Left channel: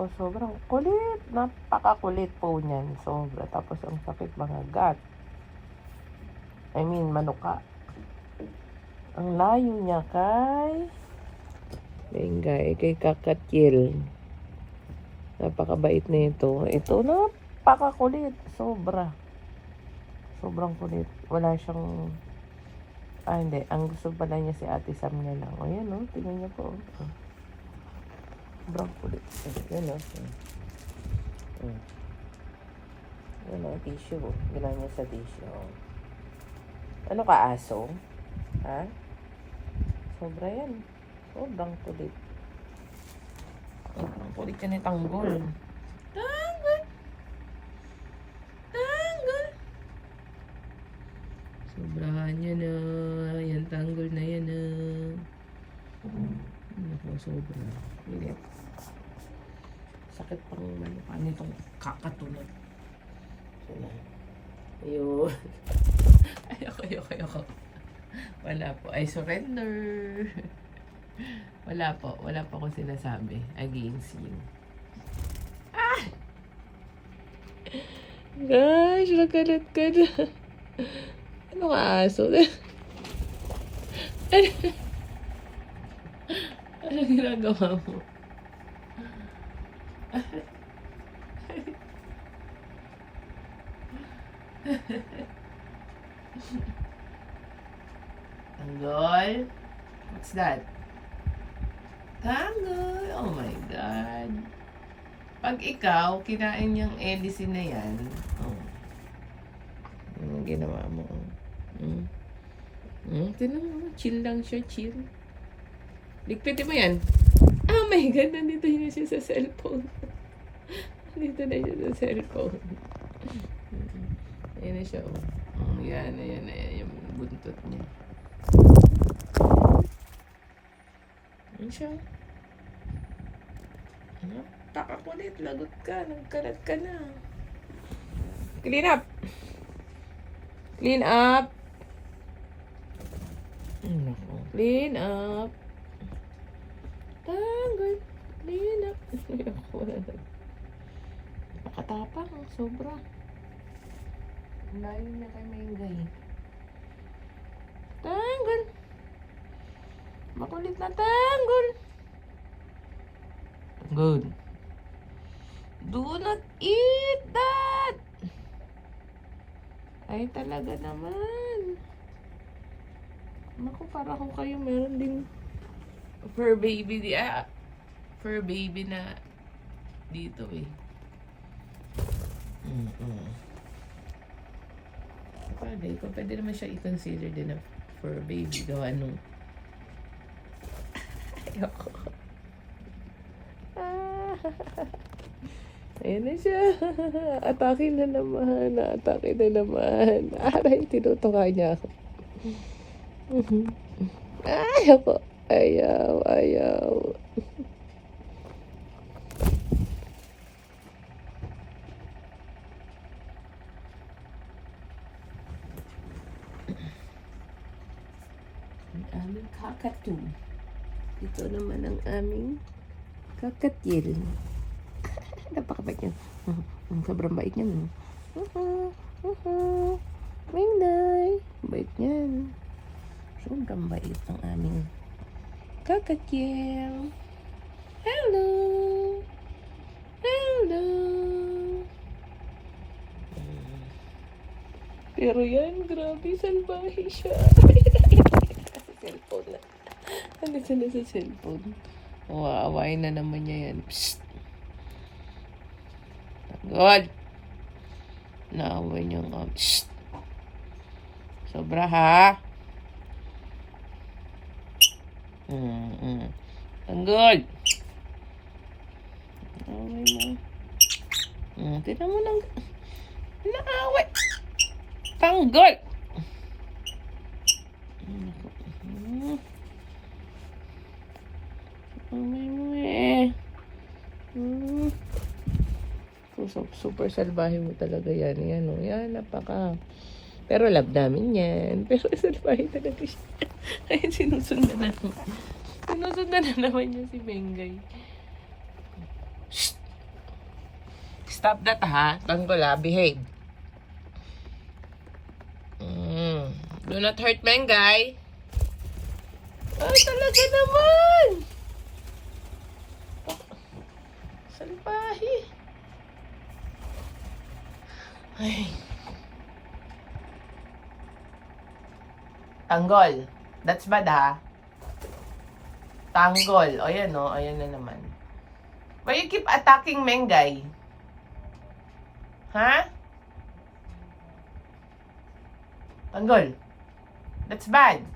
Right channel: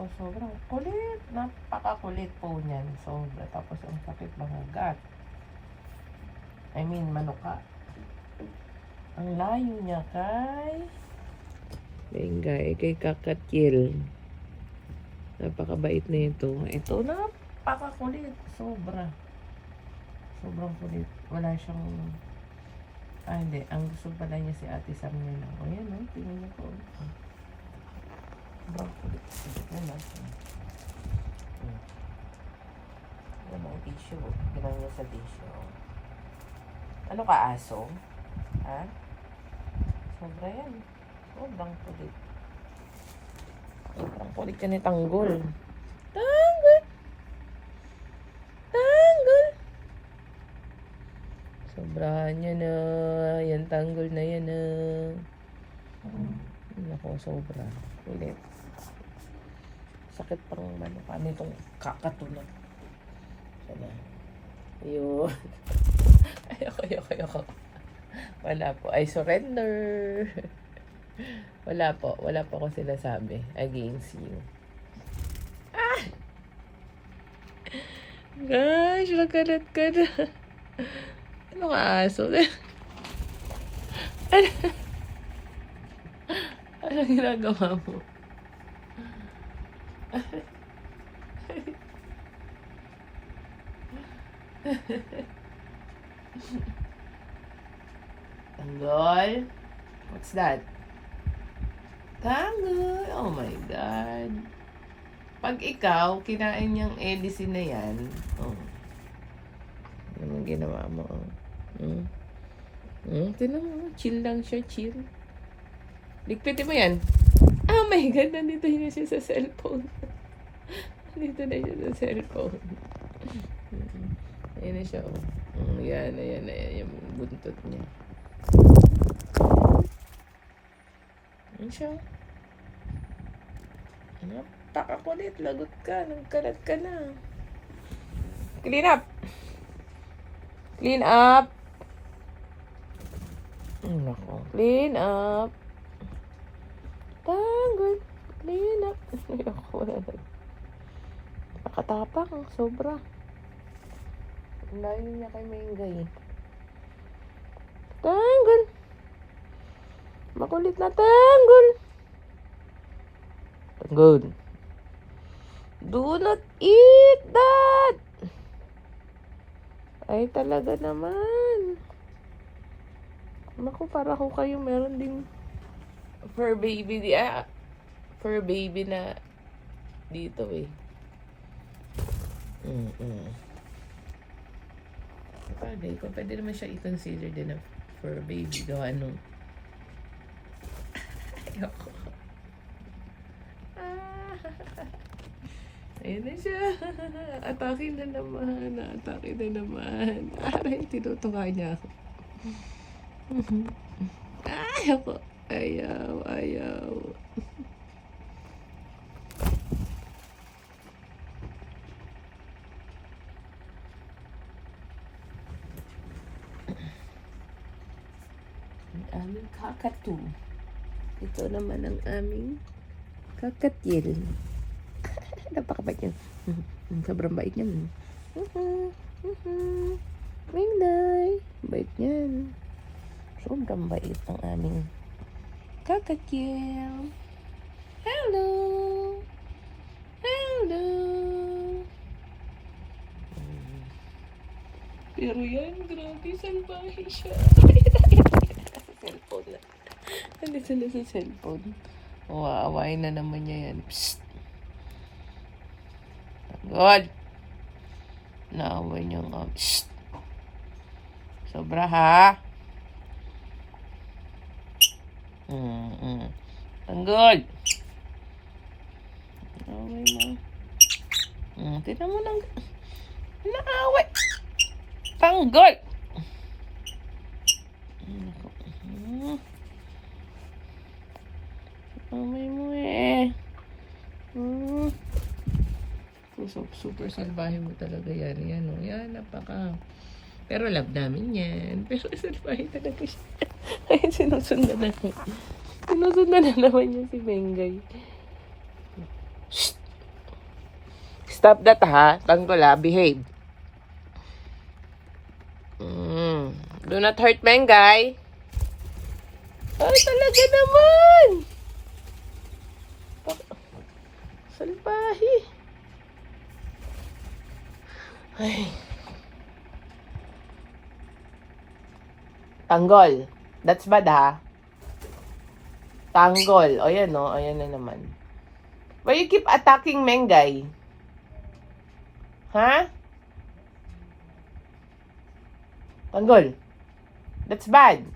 Oh, sobrang kulit. Napakakulit po niyan. Sobra. Tapos ang sakit mga gat. I mean, manuka. Ang layo niya kay Bengay, kay Kakatil. Napakabait na ito. Ito napakakulit. Sobra. Sobrang kulit. Wala siyang... hindi. Ang gusto pala niya si Ate Sam na lang. O yan, no? Tingnan niyo po. Sobrang kulit. Yan, no? Yan, no? Tissue. Bilang niya sa tissue. Ano ka, aso? Ha? Sobra yan. Sobrang kulit. Sobrang kulit yan ni Tanggol. Tanggol! Tanggol! Sobrahan niya na. Yan, Tanggol na yan na. Nako, sobra. Kulit. Sakit pang manuka nitong kakatulog. Sana. Ayun. Ayoko. Wala po. I surrender. Wala po ako sinasabi against you. Ah! Gosh, magalat ka na. Ano ka aso? Ano ginagawa mo? Tanggol? What's that? Tanggol! Oh my God. Pag ikaw, kinain yung medicine na yan, ano ginawa mo? Tinan mo, chill lang siya, chill. Ligpitin mo yan. Oh my God, nandito na siya sa cellphone. Nandito na siya sa cellphone. Ayan na siya, Ayan yung buntot niya. Ayan siya. Napakakulit, lagot ka, nagkalat ka na. Clean up! Clean up! Nako, clean up! Tanggol! Clean up! Nakatapang, sobra. Ang layo niya kay Maingay. Tanggol! Makulit na Tanggol! Tanggol! Do not eat that! Ay, talaga naman. Naku, para ko kayo meron ding fur baby fur baby na dito Pwede naman siya i-consider din na fur baby gawa nung ayoko. Ayan na siya. Atake na naman. Aray, tinutuka niya ako. Ayoko. Ayaw. Ang aming kakatu. Ito naman ang aming kakatil. Napakabait niya. Sobrang bait niya. Mingday. Bait niyan. Sobrang bait ang aming kakatil. Hello. Pero yan, grabe, salbahe siya. Cellphone na. Nandito na sa cellphone. Waawain na naman niya yan. Psst. Good. Naaway niyo nga. Psst. Sobra ha. Tanggol. Naaway mo. Tignan mo lang. Naaway. Tanggol. Naaway mo super salbahe mo talaga yan. Yan, napaka. Pero love namin yan. Pero salbahe talaga siya. Sinusundan na naman niya si Bengay. Shh! Stop that, ha? Tanggol, ha? Behave. Do not hurt Mengay. Ay, talaga naman! Salbahe. Ay. Tanggol. That's bad, ha? Tanggol. O, yan, o. O, yan na naman. Why you keep attacking Mengay? Ha? Tanggol. That's bad.